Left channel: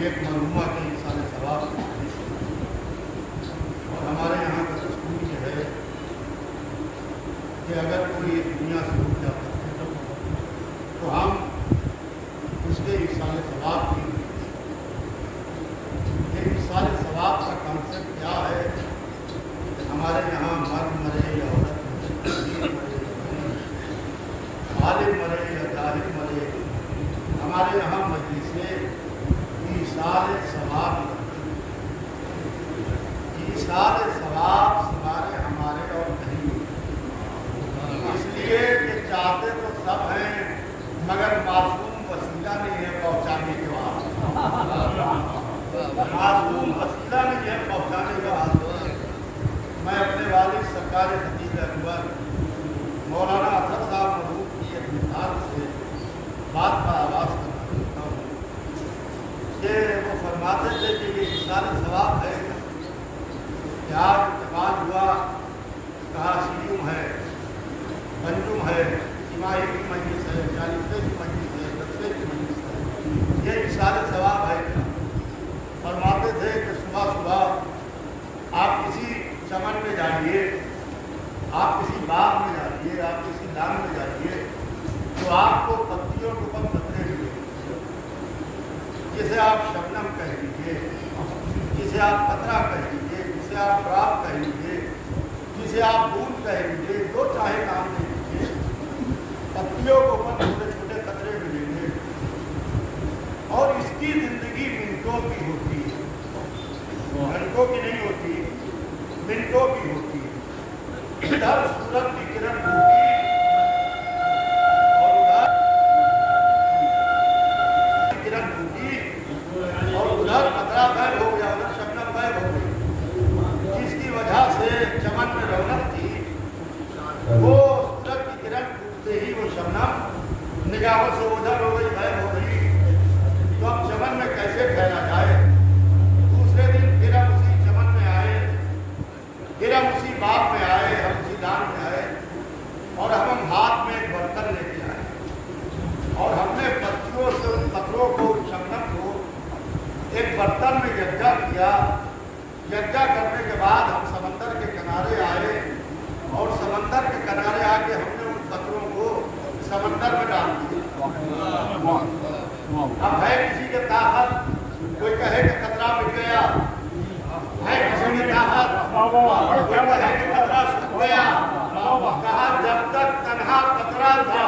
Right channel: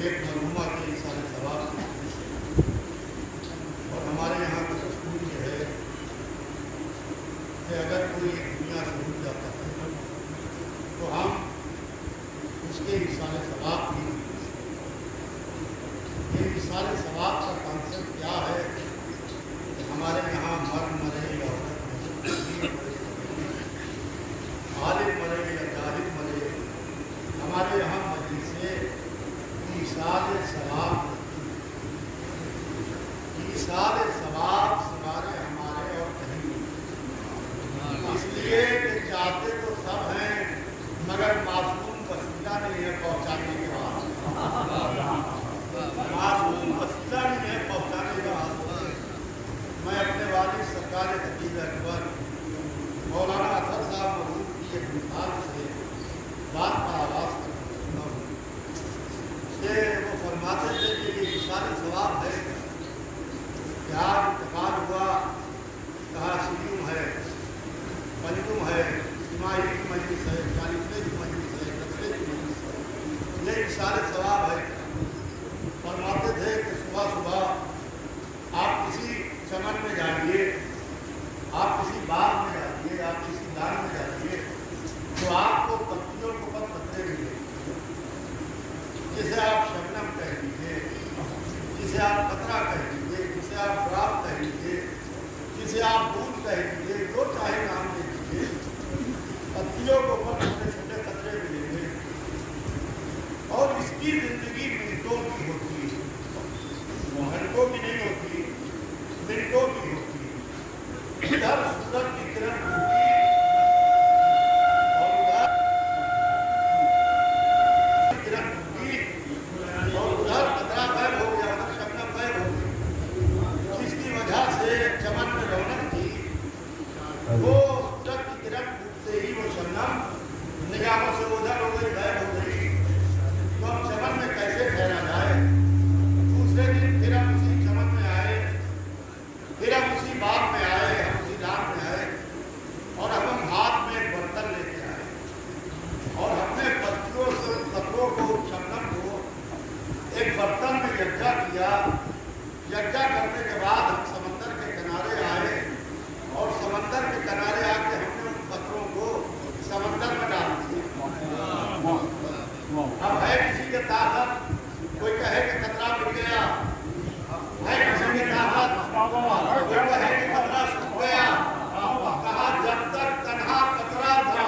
ایک مرحومہ کے اِیصال ثواب کی حدیث ہے، اور ہمارے یہاں کا دستور یہ ہے کہ اگر کوئی دنیا سے اٹھ جاتا ہے تو ہم اس کے اِیصال ثواب کی یہ اِیصال ثواب کا کانسیپٹ کیا ہے کہ ہمارے یہاں مرد مرے یا عورت مرے، امیر مرے یا غریب، عالم مرے یا جاہل مرے، ہمارے یہاں مجلسیں اِیصال ثواب اِیصال ثواب سوارے ہمارے اور کہیں، اس لیے کہ چاہتے تو سب ہیں مگر معصوم وسیلہ نہیں ہے پہنچانے کے واسطے، معصوم وسیلہ نہیں ہے پہنچانے کے واسطے۔ میں اپنے والد سرکار خطیب اکبر مولانا اسد صاحب مرحوم کی ایک مثال سے بات کا آغاز کرنا چاہتا ہوں کہ وہ فرماتے تھے کہ یہ اِیصال ثواب ہے کہ آج انتقال ہوا، کہا سیوم ہے، پنجم ہے، جماعی کی مجلس ہے، 40ویں کی مجلس ہے، 10ویں کی مجلس ہے، یہ اِیصال ثواب ہے کیا؟ فرماتے تھے کہ صبح صبح آپ کسی چمن میں جائیے، آپ کسی باغ میں جائیے، آپ کسی لان میں جائیے تو آپ کو پتیوں کے اوپر قطرے ملیں، جسے آپ شبنم کہہ لیجیے، جسے آپ قطرہ کہہ لیجیے، جسے آپ ڈراپ کہہ لیجیے، جسے آپ بوند کہہ لیجیے، جو چاہے نام لے لیجیے، پتیوں کے اوپر چھوٹے چھوٹے قطرے ملیں گے، اور اس کی زندگی منٹوں کی ہوتی ہے، گھنٹوں کی نہیں ہوتی، منٹوں کی ہوتی ہے۔ ادھر سورج کی کرن ٹوٹی اور ادھر کرن ٹوٹی اور ادھر قطرہ غائب ہو گیا، ادھر شبنم غائب ہو گئی، جس کی وجہ سے چمن میں رونق تھی وہ سورج کی کرن ٹوٹتے ہی وہ شبنم نگاہوں سے اوجھل ہو گئی، غائب ہو گئی۔ تو اب چمن میں کیسے ٹھہرا جائے؟ دوسرے دن پھر ہم اسی چمن میں آئے، پھر ہم اسی باغ میں آئے، ہم اسی لان میں آئے، اور ہم ہاتھ میں ایک برتن لے کے آئے، اور ہم نے پتیوں سے ان قطروں کو، شبنم کو ایک برتن میں یکجا کیا۔ یکجا کرنے کے بعد ہم سمندر کے کنارے آئے، اور سمندر کے کنارے آ کے ہم نے ان قطروں کو سمندر میں ڈال دیا۔ اب ہے کسی کے طاقت، کوئی کہے کہ قطرہ مل گیا، ہے کسی کی طاقت، کوئی کہے کہ قطرہ سوکھ گیا، کہا جب تک تنہا قطرہ تھا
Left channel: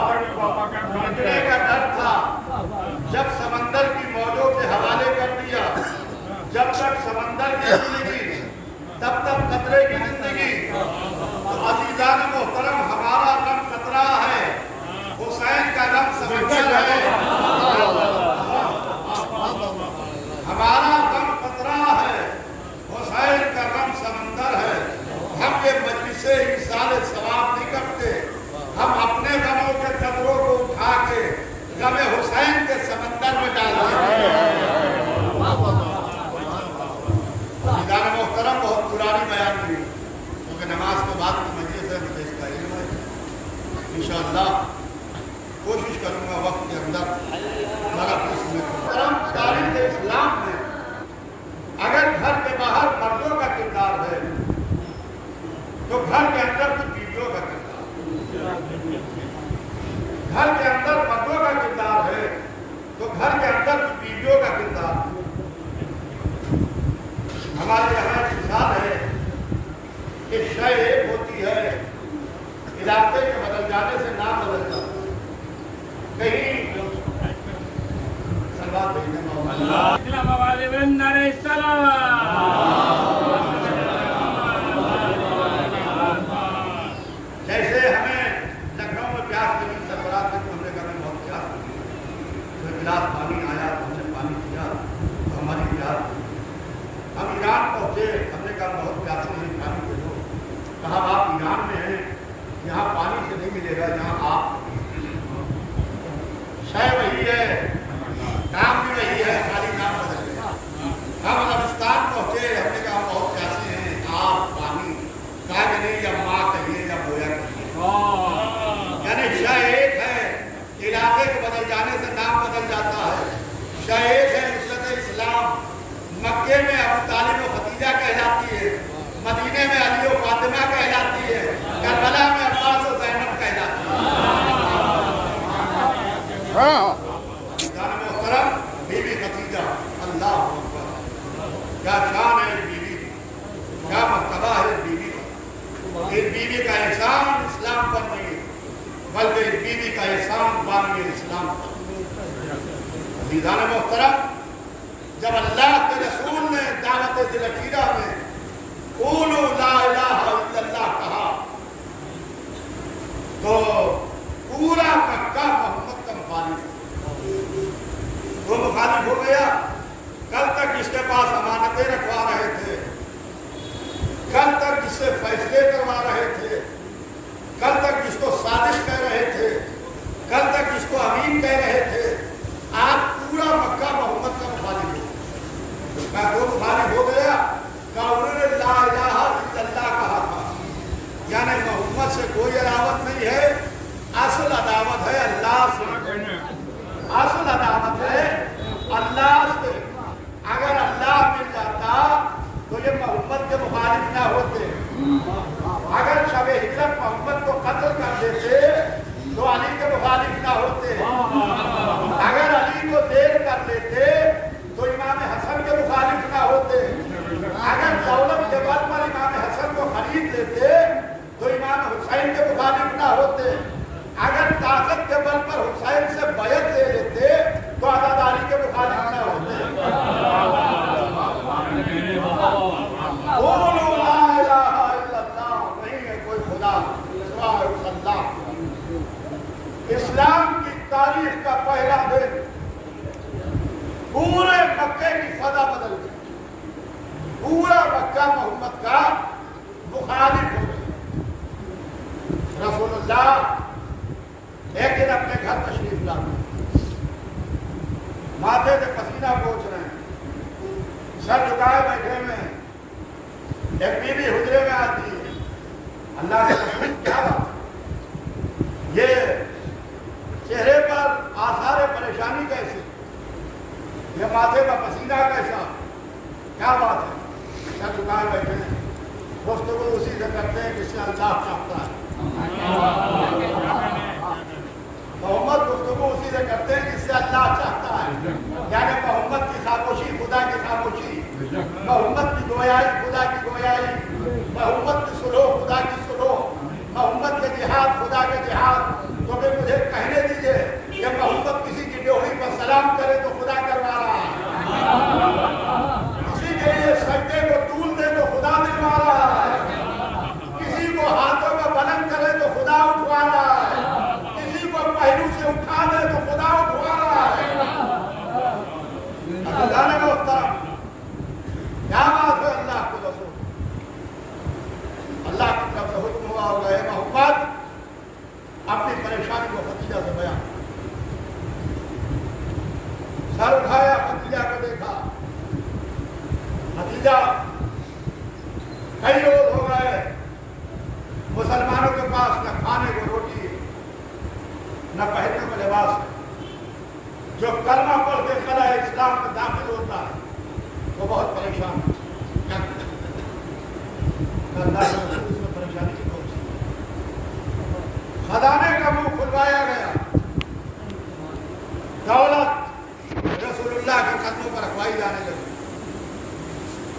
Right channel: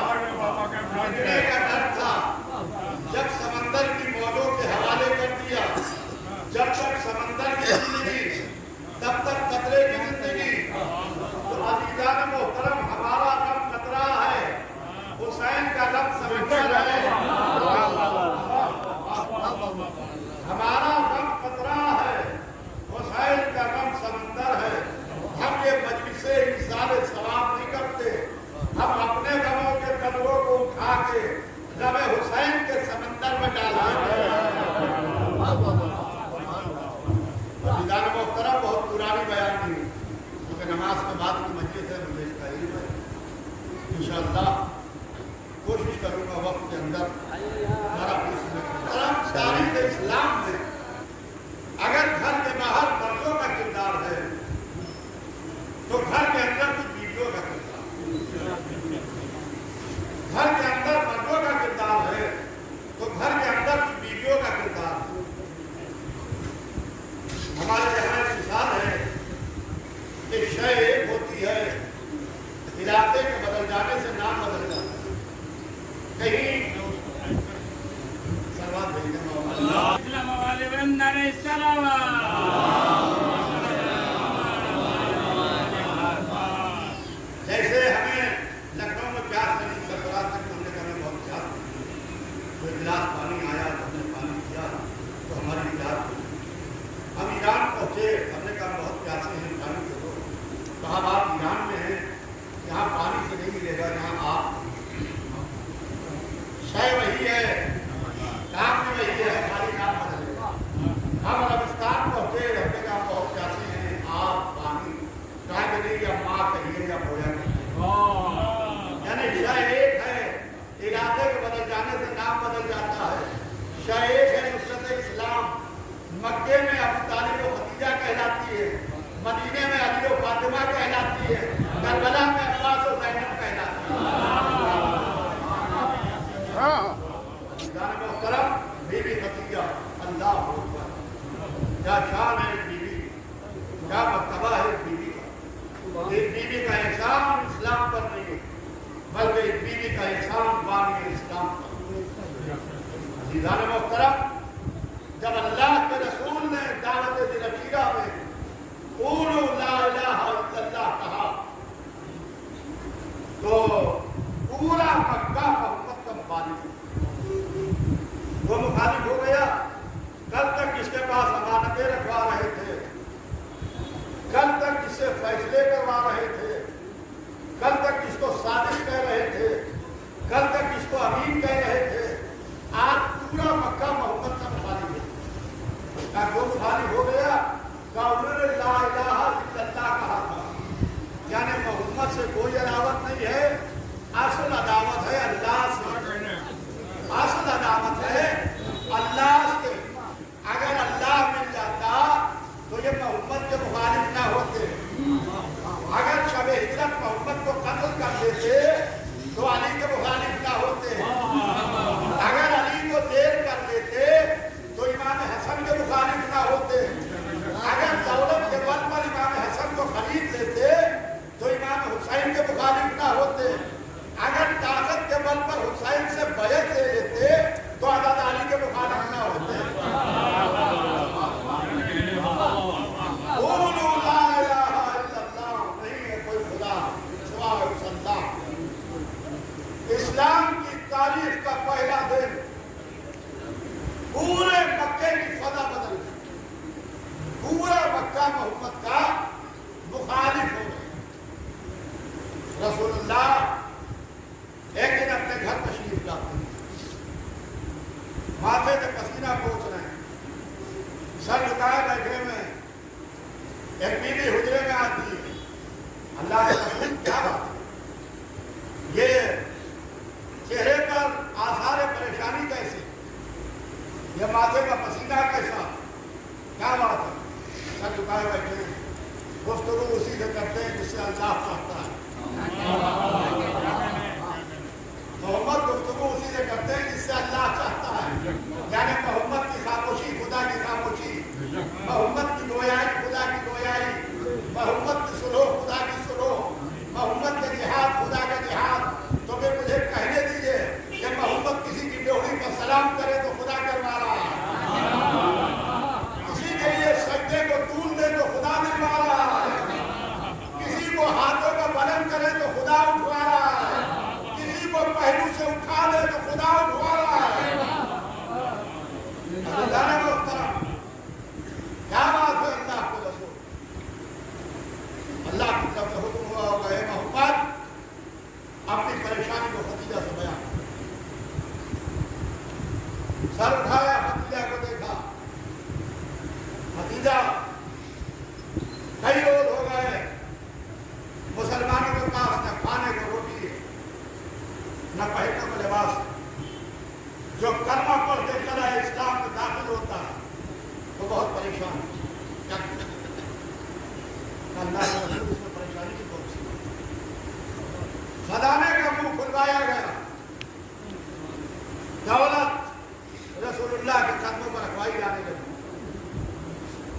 مٹنے کا ڈر تھا، جب سمندر کی موجوں کے حوالے کر دیا، جب تک سمندر کی زندگی تب تک قطرے کی زندگی۔ تو عزیزان محترم، ہمارا غم قطرہ ہے، حسین کا غم سمندر ہے، ہمارا غم قطرہ ہے، حسین کا غم سمندر ہے۔ ہم یہ مجلسیں اِیصال ثواب نہیں کرتے، ہم اپنے غموں کے قطروں کو اٹھا کے غم حسین کے سمندر میں ڈال دیتے ہیں۔ عزیزان محترم، بہت پرانی بیان ہوئی کیونکہ نماز کے بعد کی مجلس ہے، مجھے اس کا علم ہے، انشاءاللہ کوشش کروں گا وقت کے اندر ذرا کچھ محترم تاریخ اسلام میں اگر گھر کے باہر مردوں کا کردار ہے تو گھر کے اندر کچھ بیویوں کا کردار، گھر کے اندر مردوں کا کردار ہے تو گھر کے اندر کچھ بیویوں کا کردار۔ ہمارے یہاں ایک مثال ہے کہ شے ایک ہوتی ہے، علاقے کے بدل جانے سے نام بدل جاتا ہے۔ کہیں سلوات بھیجنے جیسے ہمیں لکھنؤ میں پیاس لگی، سربراہ تک ہم نے کہا ہمیں بہت پیاس لگی، کوئی گلاس پانی آیا تو ہم نے پانی پیا تو ہماری پیاس لگی۔ ہم ایران پہنچے، ہم نے کہا بہت پیاسے ہیں، پانی دے دو۔ کہا آپ ایران میں ہیں، یہاں پانی سے نہیں ملے گا، یہاں آپ شے وہی ہے، نام بھی وہی ہے، خالی نام بدل گیا۔ ہم عربستان پہنچے، ہم نے کہا بہت پیاسے ہیں، آپ پانی، کہا کہ نہیں یا ماں کہیے یا بویا کہیے، یعنی شے ایک ہے، علاقے کے بدل جانے سے نام بدل جاتا ہے۔ شے ایک ہے نصرت اسلام، مکے میں ابو طالب و خدیجہ کہلاتی ہے، مدینے میں علی و فاطمہ کہلاتی ہے، کربلا میں عباس و زینب کہلاتی ہے۔ جان محترم بی بی خدیجہ، اللہ اکبر، کیا شان ہے اس بیوی کی، کیا مرتبہ ہے اس بیوی کا۔ اس بیوی کا احسان اسلام پر نہیں ہے، بلکہ اس بیوی کا احسان بانی اسلام پر۔ عزیزان محترم، جب اللہ کے رسول نے دعوت ذی العقیدہ میں قولوا لا الہ الا اللہ کہا تو پورا مکہ محمد کا مخالف وہ مخالف ہو گیا۔ کل تک اس کے پاس امانتیں رکھوا رہے تھے، کل تک اس سے فیصلے کروا رہے تھے، کل تک اس کو صادق کہہ رہے تھے، کل تک اس کو امین کہہ رہے تھے، آج پورا مکہ محمد کا مخالف ہے۔ وہ مخالف ہو گیا کہ انہوں نے لا الہ الا اللہ کہا تھا، یعنی محمد سے کوئی عداوت نہیں ہے، اصل عداوت ہے اللہ سے، اصل عداوت ہے اللہ سے۔ اگر اللہ مل جاتا تو یہ محمد کے مخالف نہ ہوتے، اگر شب ہجرت محمد کو قتل کر دیتے تو علی کے مخالف نہ ہوتے، اگر علی کو دیر کر لیتے تو امام حسن کے مخالف نہ ہوتے، اگر دولت کے بل پر امام حسن کو خرید لیتے تو امام حسین کے مخالف نہ ہوتے، اگر طاقت کے بل پر حسین سے بیعت لے لیتے تو عزاداری کے مخالف نہ ہوتے۔ قولوا لا الہ الا اللہ، نہیں ہے کوئی خدا سوائے اس اللہ۔ اسلام کی تاریخ کا پہلا دن پورے مکے کی فضا بدل گئی، پورا مکہ محمد کا مخالف ہو گیا۔ رسول اللہ ایک دن اپنے گھر تشریف لاتے ہیں، ماتھے سے پسینہ پوچھ رہے ہیں، سر جھکائے بیٹھے میں، ایک بیوی حجرے میں آتی ہے، اللہ کے رسول کیا بات ہے، یہ چہرے پر آثار پریشانی کیسے، یہ ماتھے کا پسینہ کیسا، کیا بات ہے؟ سر جھکائے بیٹھے ہیں، گفتگو اسی سے کرتے ہیں جس سے اللہ چاہتا ہے، محمد گفتگو اسی سے کرتے ہیں جس سے اللہ چاہتا ہے، یعنی محمد کی خاموشی خدا کی خاموشی، محمد کی گویائی خدا کی گویائی، محمد کی سلوح خدا کی سلوح، محمد کے جہاد خدا کے جہاد۔ تو پھر مجھے کہنے دیجئے کہ محمد کسی کی ڈیوڑی پر سلام کرے تو خدا کروا رہا ہے، کسی کے لیے سجدے کو طول دے تو خدا دلوا رہا ہے، کسی کو ہاتھوں میں بلند کرے تو خدا اٹھوا رہا ہے، کسی کو پہلو سے اٹھا دے تو خدا اٹھوا رہا ہے۔ عزیزان محترم، کیا بات ہے اللہ کو رسول، اللہ کی طرف سے حکم ہوا ہوگا، اے محمد اپنی پریشانی کو خدیجہ سے بیان۔ سر اٹھایا، خدیجہ کو دیکھا، خدیجہ کئی روز ہو گئے مسلمانوں کے پاس نہ کھانے کو روٹی ہے، نہ پہننے کو لباس ہے، جو کلمہ پڑھ کے قلعہ اسلام میں داخل ہوتا ہے وہ بہت پریشان ہے، کیا اللہ کے رسول اس میں پریشانی کی کون سی؟ خزانے کا منہ کھلوایا گیا، دولت رسول اللہ کے قدموں پر رکھوائی جانے لگی،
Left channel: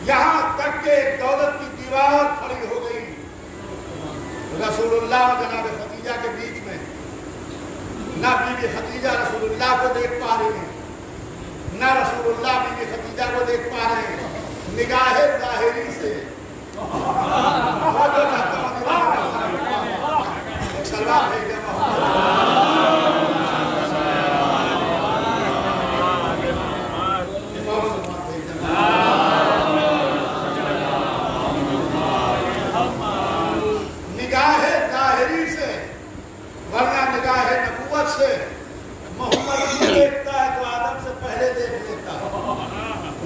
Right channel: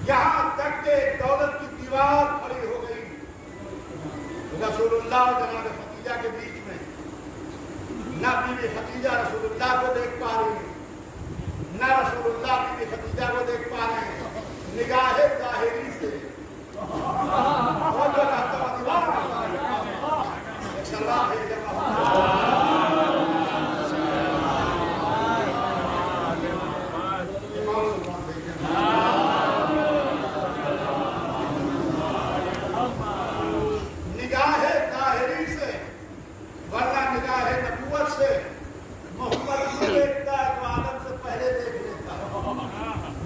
یہاں تک کہ دولت کی دیوار کھڑی ہو گئی رسول اللہ اور جناب خدیجہ کے بیچ میں۔ نہ بی بی خدیجہ رسول اللہ کو دیکھ پا رہی ہیں، نہ رسول اللہ بی بی خدیجہ کو دیکھ پا رہے ہیں، نگاہ ظاہری سے ایک سلوات بھیج دے نگاہ ظاہری سے، ورنہ نگاہ نبوت سے محمد یوں دیکھتا ہے تو آدم سے پہلے دیکھ لیتا ہے،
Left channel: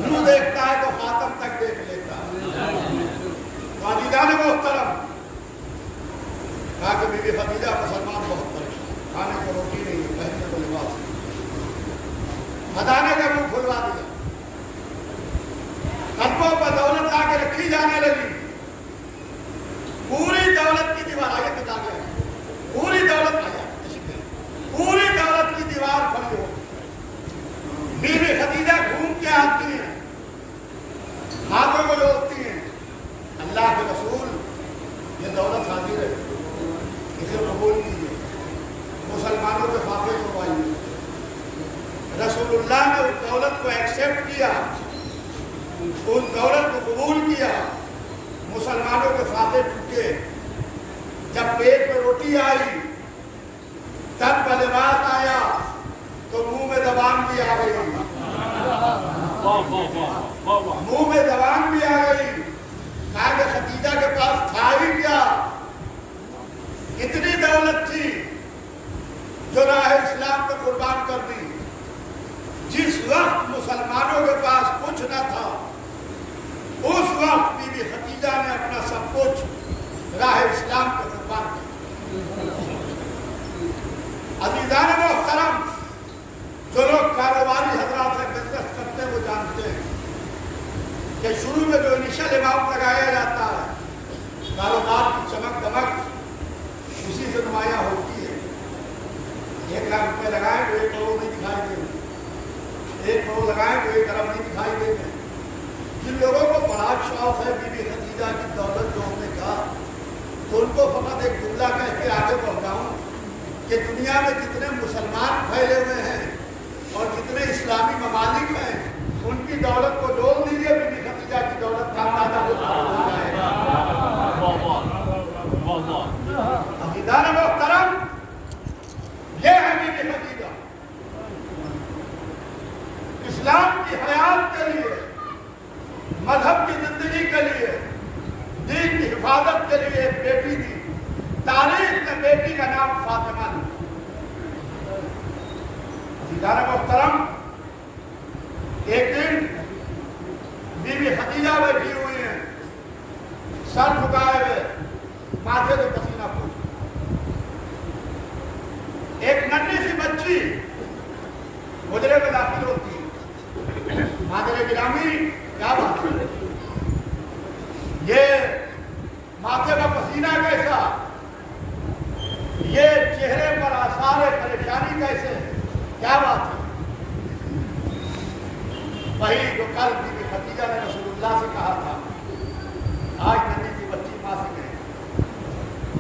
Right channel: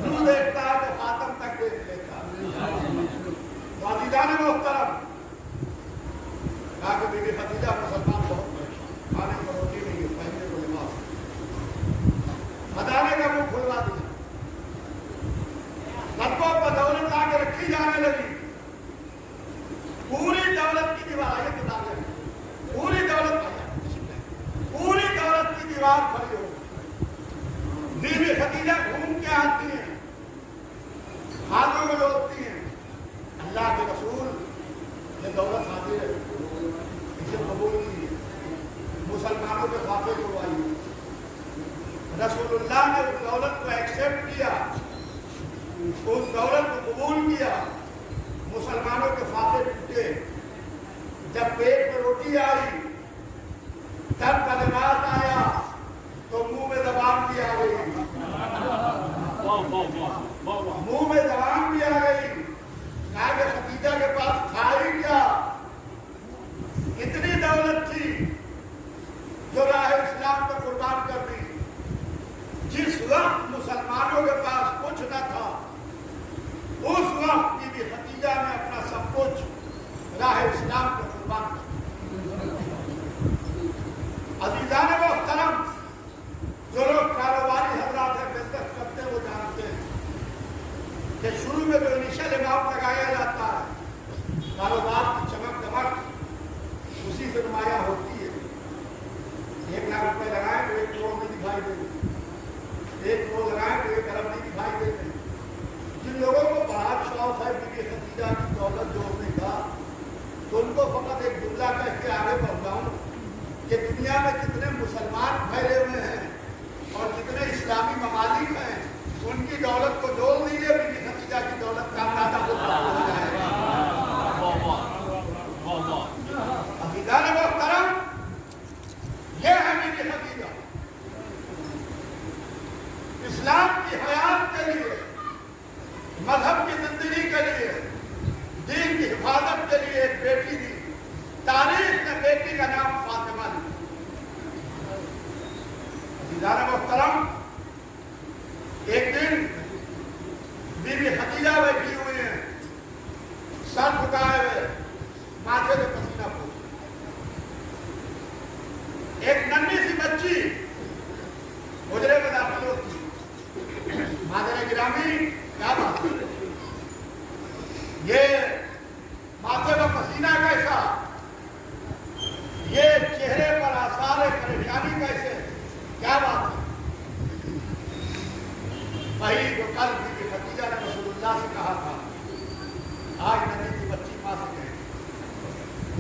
یوں دیکھتا ہے تو خاتم تک دیکھ لیتا ہے۔ تو عزیزان محترم، کہا کہ بی بی خدیجہ مسلمان بہت پریشان، کھانے کو روٹی نہیں ہے، پہننے کو لباس نہیں، خزانے کا منہ کھلوا دیا، قدموں پر دولت آ کے رکھی جانے لگی. پوری دولت کی دیوار آگے کتاب ہے, پوری دولت آیا, پوری دولت کی دیوار کھڑی ہو. بیوی خدیجہ گھوم کے آتی ہیں, ہاتھوں کو جوڑتی ہیں, اللہ کے رسول یہ دولت حاضر ہے, اسے قبول کیجیے, مسلمانوں کے فاقے کو آئیے. رسول اللہ نے اس دولت کو ایکسیپٹ کیا, اس دولت کو قبول کیا, مسلمانوں کے فاقے ٹوٹے. جب پیٹ میں روٹی آئی, تن پر لباس آیا, تو منہ میں زبان بھی آ گئی, منہ میں زبان بھی آ گئی. کہا کہ خدیجہ کے پاس تھا ہی کیا, اتنی دولت تھی جو راہ اسلام پہ قربان کر دی. جس وقت مسلمانوں کے پاس کچھ نہ تھا, اس وقت بی بی خدیجہ نے اپنا سب کچھ راہ اسلام پہ قربان کر دیا. عزیزان محترم, جو لوگ کاروباری حضرات سے بزنس کرتے ہیں وہ جانتے ہیں کہ شروع میں جو انیشل اماؤنٹ لگایا جاتا ہے, کاروبار کی چمک دمک اسی سے نمایاں ہوتی ہے. 1 لاکھ روپے لگائیں تو 1 کروڑ نہیں دکھائی دے گا, 1 کروڑ لگائیں تو 1 ارب نہیں دکھائی دے گا. جن لوگوں کو بڑا شوق ہے بی بی خدیجہ کی دولت جوڑنے کا, تو ان کو فقط ایک جملہ کہہ کے آگے بڑھ رہا ہوں کہ دنیا میں جتنے مسلمان پھیلے ہوئے ہیں اور جتنے اسلامی ممالک ہیں, ان کی دولت کو جوڑ لیجیے, بی بی خدیجہ کی دولت کا اندازہ ہو جائے گا. عزیزان محترم, یہ ہے بی بی خدیجہ. اسلام کی حیات کے لیے, مذہب کی زندگی کے لیے, دین کی حفاظت کے لیے ایک بیٹی دی. تاریخ میں بیٹی کا نام فاطمہ دی. عزیزان محترم, ایک دن بی بی خدیجہ بیٹھی ہوئی ہیں, سر جھکائے ہوئے, ماتھے سے پسینہ پوچھ. ایک ننھی سی بچی حجرے میں داخل ہوتی ہے. مادر گرامی کیا بات کر رہی, یہ ماتھے کا پسینہ کیسا, یہ چہرے پر آثار پریشانی کیسے, کیا بات ہے. وہی جو کل بی بی خدیجہ نے رسول اللہ سے کہا تھا, آج ننھی سی بچی ماں سے کہے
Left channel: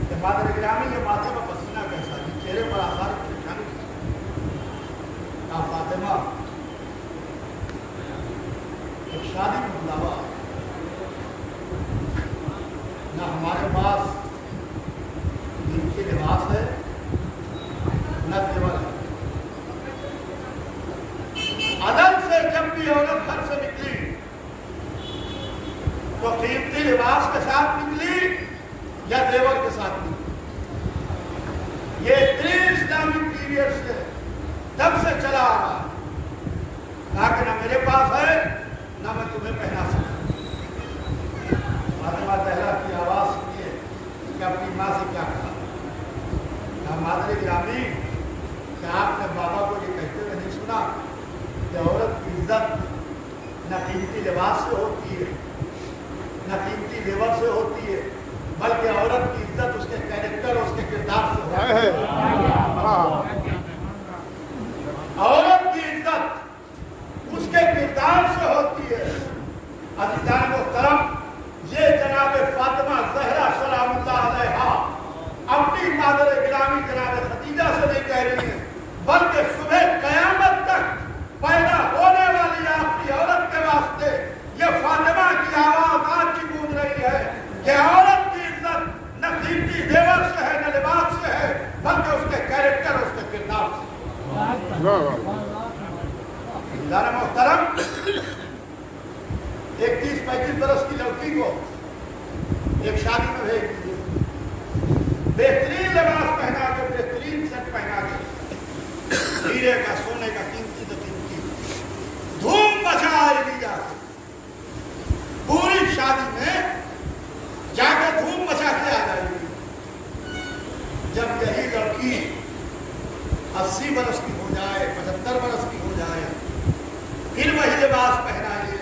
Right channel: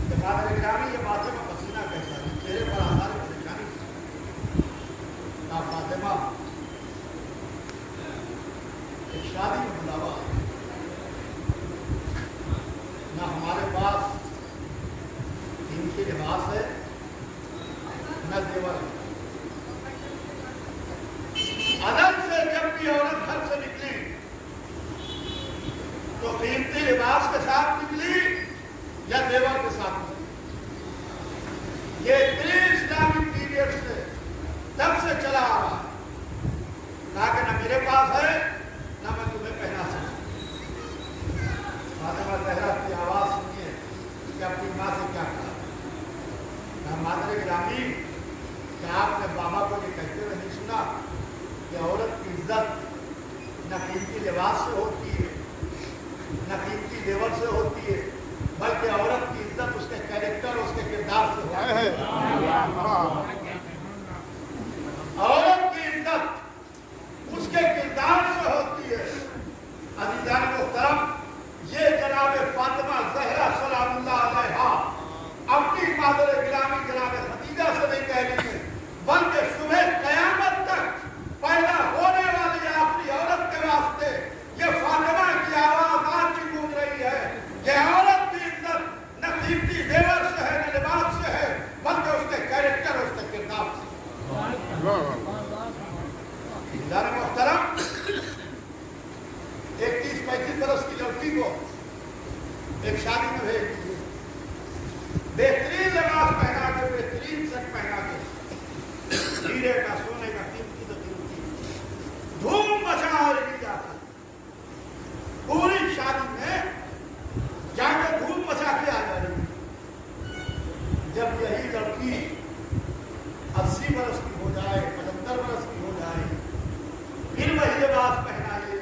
کہ مادر گرامی یہ ماتھے کا پسینہ کیسا, یہ چہرے پر آثار پریشانی کیا. فاطمہ, ایک شادی میں بلاوا, نہ ہمارے پاس دین کے لباس ہے نہ زیور ہے. عدل سے جب بھی عورت گھر سے نکلی تو قیمتی لباس کے ساتھ نکلی یا زیور کے ساتھ نکلی. یہ پری اسلامک پیریڈ سے تب سے چلا آ رہا ہے. کہا کہ نہ میرے پاس ہے نہ میں تمہیں پہنا سکتا. فاطمہ زہرا کی آواز سنیے کہ اپنی ماں سے کیا کہا. کہا مادر گرامی, کیا آپ نے بابا کو یہ کہتے ہوئے نہیں سنا کہ عورت کی عزت نہ قیمتی لباس سے ہوتی ہے نہ قیمتی زیور سے ہوتی ہے, بلکہ عورت کی عزت اس کے کیریکٹر, اس کے کردار سے ہوتی ہے. عورت کی عزت اس کے کردار سے ہوتی ہے. عزیزان محترم, یہ جناب فاطمہ زہرا سلام اللہ علیہا اپنی مادر گرامی جناب خدیجہ سے نہیں کہہ رہی ہیں, بلکہ صبح قیامت تک پیدا ہونے والی آخری عورت کے واسطے یہ فاطمہ کی آواز آج بھی گونج رہی ہے کہ عورت کی عزت نہ قیمتی زیور سے ہے نہ لباس سے ہے, بلکہ اس کے کیریکٹر, اس کے کردار سے. محترم, ایک 30-35 برس کی لڑکی کو ایک شادی میں بھیج دیجیے, بہترین لباس پہنا کے, بہترین سیٹ پہنا کے, ہیرے کا, سونے کا, قیمتی تو قیمتی, دھوم مچائے گی جا کے. پوری شادی میں جا کے دھوم مچا کے آ جائے گی. جب یہی لڑکی 80 برس کی ہو جائے, 75 برس کی ہو جائے, پھر وہی لباس پہنائیے,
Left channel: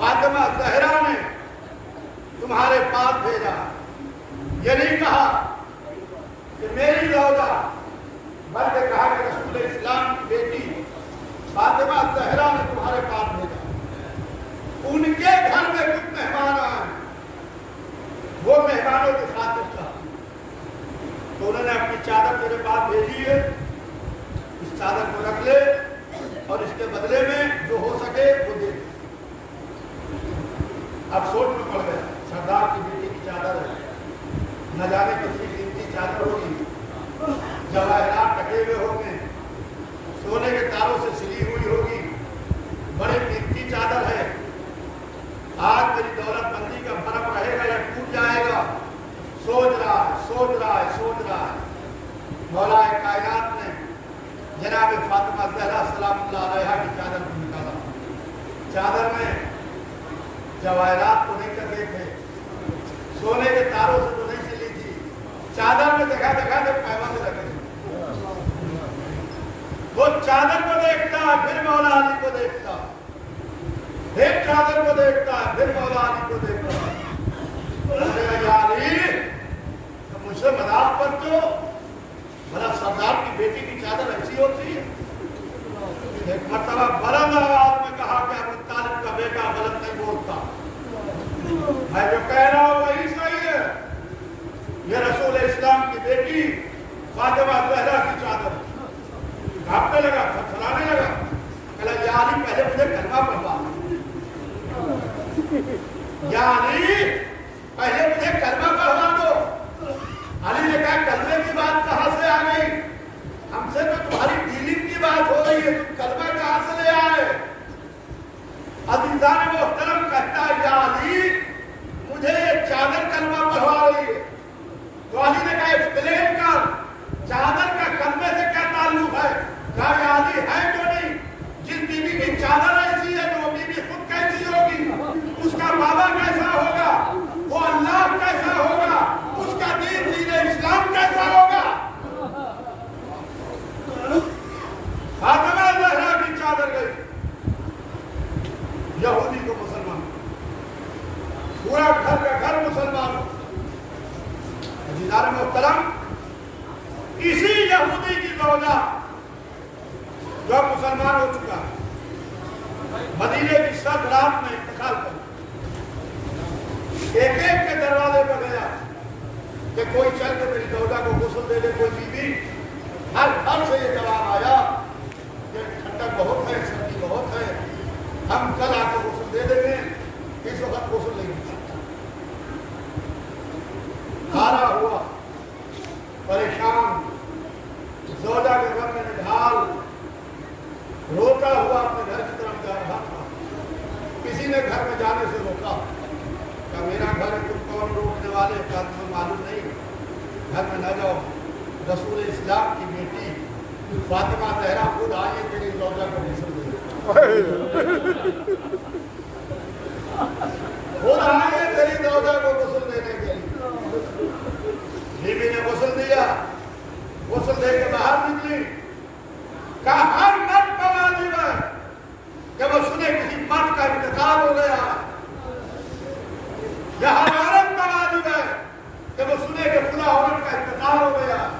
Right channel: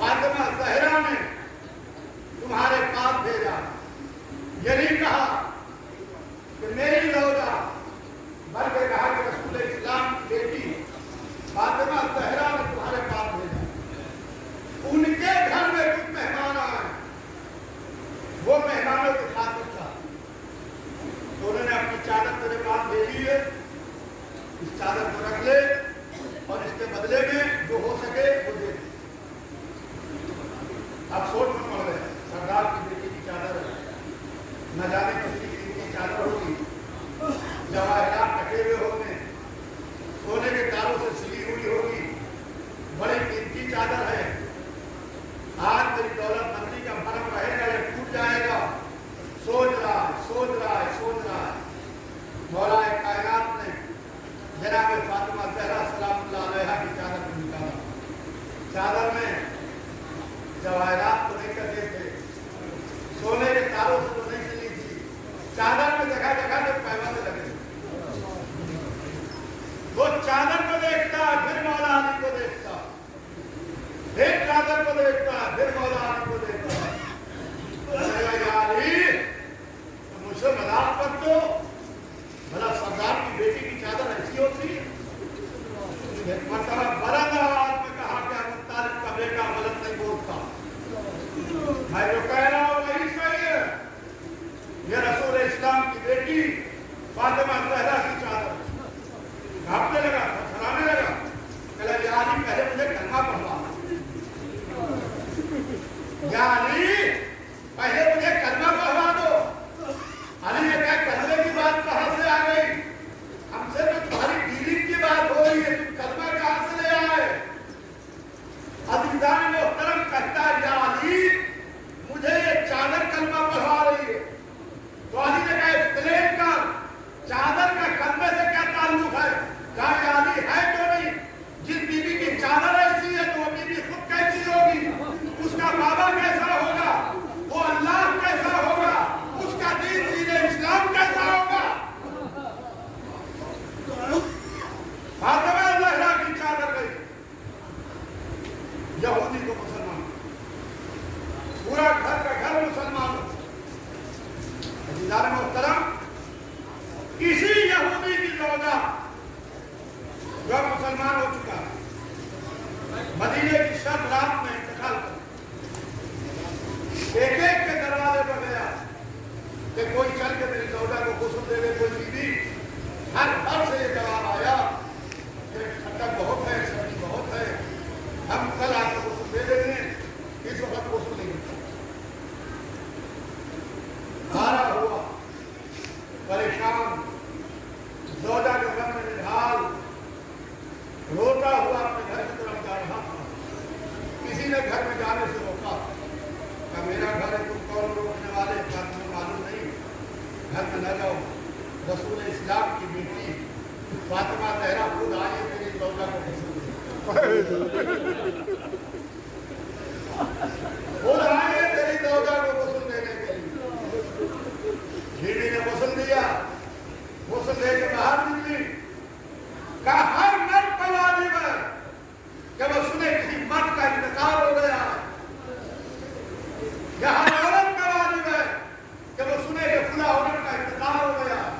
فاطمہ زہرا نے تمہارے پاس بھیجا. یہ نہیں کہا کہ میری زوجہ، بلکہ کہا کہ رسول اسلام کی بیٹی فاطمہ زہرا نے تمہارے پاس بھیجا. ان کے گھر میں کچھ مہمان آئے، وہ مہمانوں کی خاطر تھا تو انہوں نے اپنی چادر تیرے پاس بھیجی ہے، اس چادر کو رکھ لے اور اس کے بدلے میں جو ہو سکے وہ دے. اب سوچ میں پڑ گئے، سردار کی بیٹی کی چادر ہے، نہ جانے کتنی قیمتی چادر ہوگی، جواہرات ٹکے ہوئے ہوں گے، سونے کے تاروں سے سلی ہوئی ہوگی، بڑی قیمتی چادر ہے. آج میری دولت مندی کا فرق رہے گا یا ٹوٹ جائے گا. سوچ رہا ہے. مولا کائنات نے جناب فاطمہ زہرا سلام اللہ علیہا کی چادر کو نکالا. چادر میں جواہرات تو نہیں کرتے تھے، سونے کے تاروں سے تو نہیں سلی تھی. چادر میں دیکھا جب پیوند لگے. وہ چادر کو دیکھتا پھر مولا علی کو دیکھتا، ایک چادر کو دیکھتا پھر مولا علی کو دیکھتا. یا علی مجھ سے مذاق پر تو بھلا سردار کی بیٹی کی چادر ایسی ہوتی ہے. ایک مرتبہ بلند آواز میں کہا کہ ابو طالب کا بیٹا غلط نہیں بولتا، میں جو کہہ رہا ہوں وہی صحیح ہے. یہ رسول اسلام کی بیٹی فاطمہ زہرا کی چادر. کانپنے لگا، تھرتھرانے لگا. کہا یا علی پہلے مجھے کلمہ پڑھوا. یا علی پہلے مجھے کلمہ پڑھوا دو. علی نے کہا کلمے کی بات کہاں سے آ گئی؟ ہم سے تو تمہاری ڈیلنگ کی بات ہو رہی ہے، تم کلمہ کہاں سے لے آئے؟ عزیزان محترم کہتا ہے یا علی مجھے یہ چادر کلمہ پڑھوا رہی ہے. تو علی نے کہا ایکسپلین کر، چادر کا کلمے سے کیا تعلق ہے؟ کہا یا علی ہے کیوں نہیں؟ جس بیوی کی چادر ایسی ہے تو وہ بیوی خود کیسی ہوگی؟ اس کا بابا کیسا ہوگا؟ وہ اللہ کیسا ہوگا؟ اس کا دین اسلام کیسا ہوگا؟ فاطمہ زہرا کی چادر گئی، یہودی کو مسلمان، پورا گھر کا گھر مسلمان. عزیزان محترم اسی یہودی کی زوجہ جو مسلمان ہو چکا مدینے کی سب رات میں انتقال کر ایک کے دروازے پر گیا کہ کوئی چل کے میری زوجہ کو غسل دے دے. کوئی بیوی ہر سے یہ جواب آیا کہ ٹھنڈک بہت ہے، سردی بہت ہے، ہم کل آ کر غسل دے دیں گے، اس وقت غسل نہیں ہوتا. ہارا ہوا، پریشان، زوجہ کے گھر میں نڈھال روتا ہوا اپنے گھر کی طرف جا رہا تھا. کسی نے گھر میں جانے سے روکا کہ میرا گھر ہے، تم کون روکنے والے؟ کہا تمہیں معلوم نہیں، گھر میں نہ جاؤ. رسول اسلام کی بیٹی فاطمہ زہرا خود آئیے تیری زوجہ کو غسل دے. خود آئیے تیری زوجہ کو غسل دینے کے لیے. بیوی نے غسل دیا، غسل دے کے باہر نکلی. کہا ہر مرد کا واجب ہے کہ وہ سنے کسی مرد کا انتقال ہو گیا ہے. یہ ہر عورت کا واجب ہے کہ وہ سنے کہ فلاں عورت کا انتقال ہو گیا ہے.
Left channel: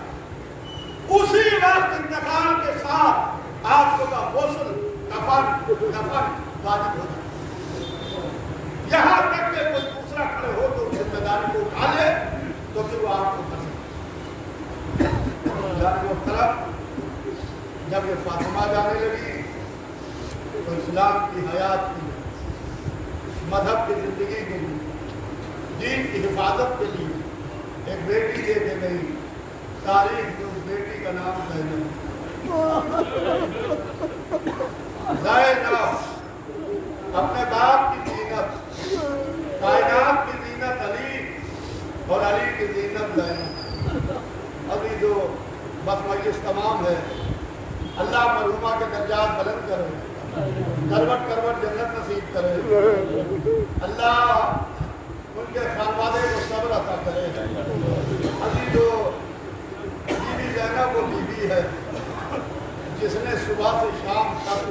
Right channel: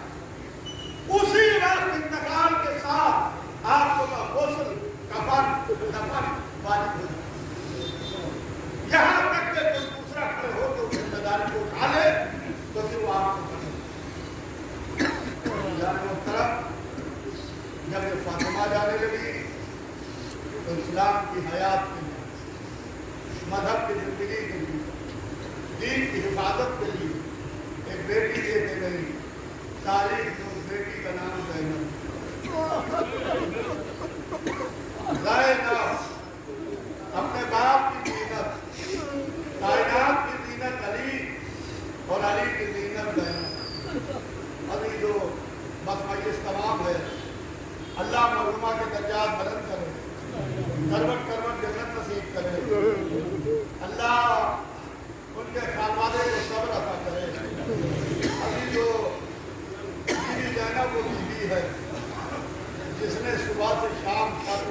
اسی وقت انتقال کے ساتھ آپ کو کا غسل دفن واجب ہو جائے. یہاں تک کہ کوئی دوسرا کھڑے ہو تو ذمہ داری کو اٹھا لے تو پھر وہ آپ کو کرنا. محترم جب یہ فاطمہ جانے لگی تو اسلام کی حیات کے لیے، مذہب کی زندگی کے لیے، دین کی حفاظت کے لیے ایک بیٹی دے کے گئی. تاریخ جو بیٹی کا نام زینب. زینب اپنے باپ کی زینت، کائنات کی زینت علی اور علی کی زینت زینب. ابھی جو بس مجلس تمام ہے، اللہ مرحومہ کے درجات بلند کرے، کروٹ کروٹ جنت نصیب کرے. اللہ ان کے خانوادے کو صبر عطا کرے. ابھی جو بیوی زینب وہ بیوی ہے جس نے صبح سے شام تک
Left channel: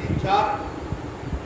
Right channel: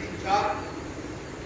3-4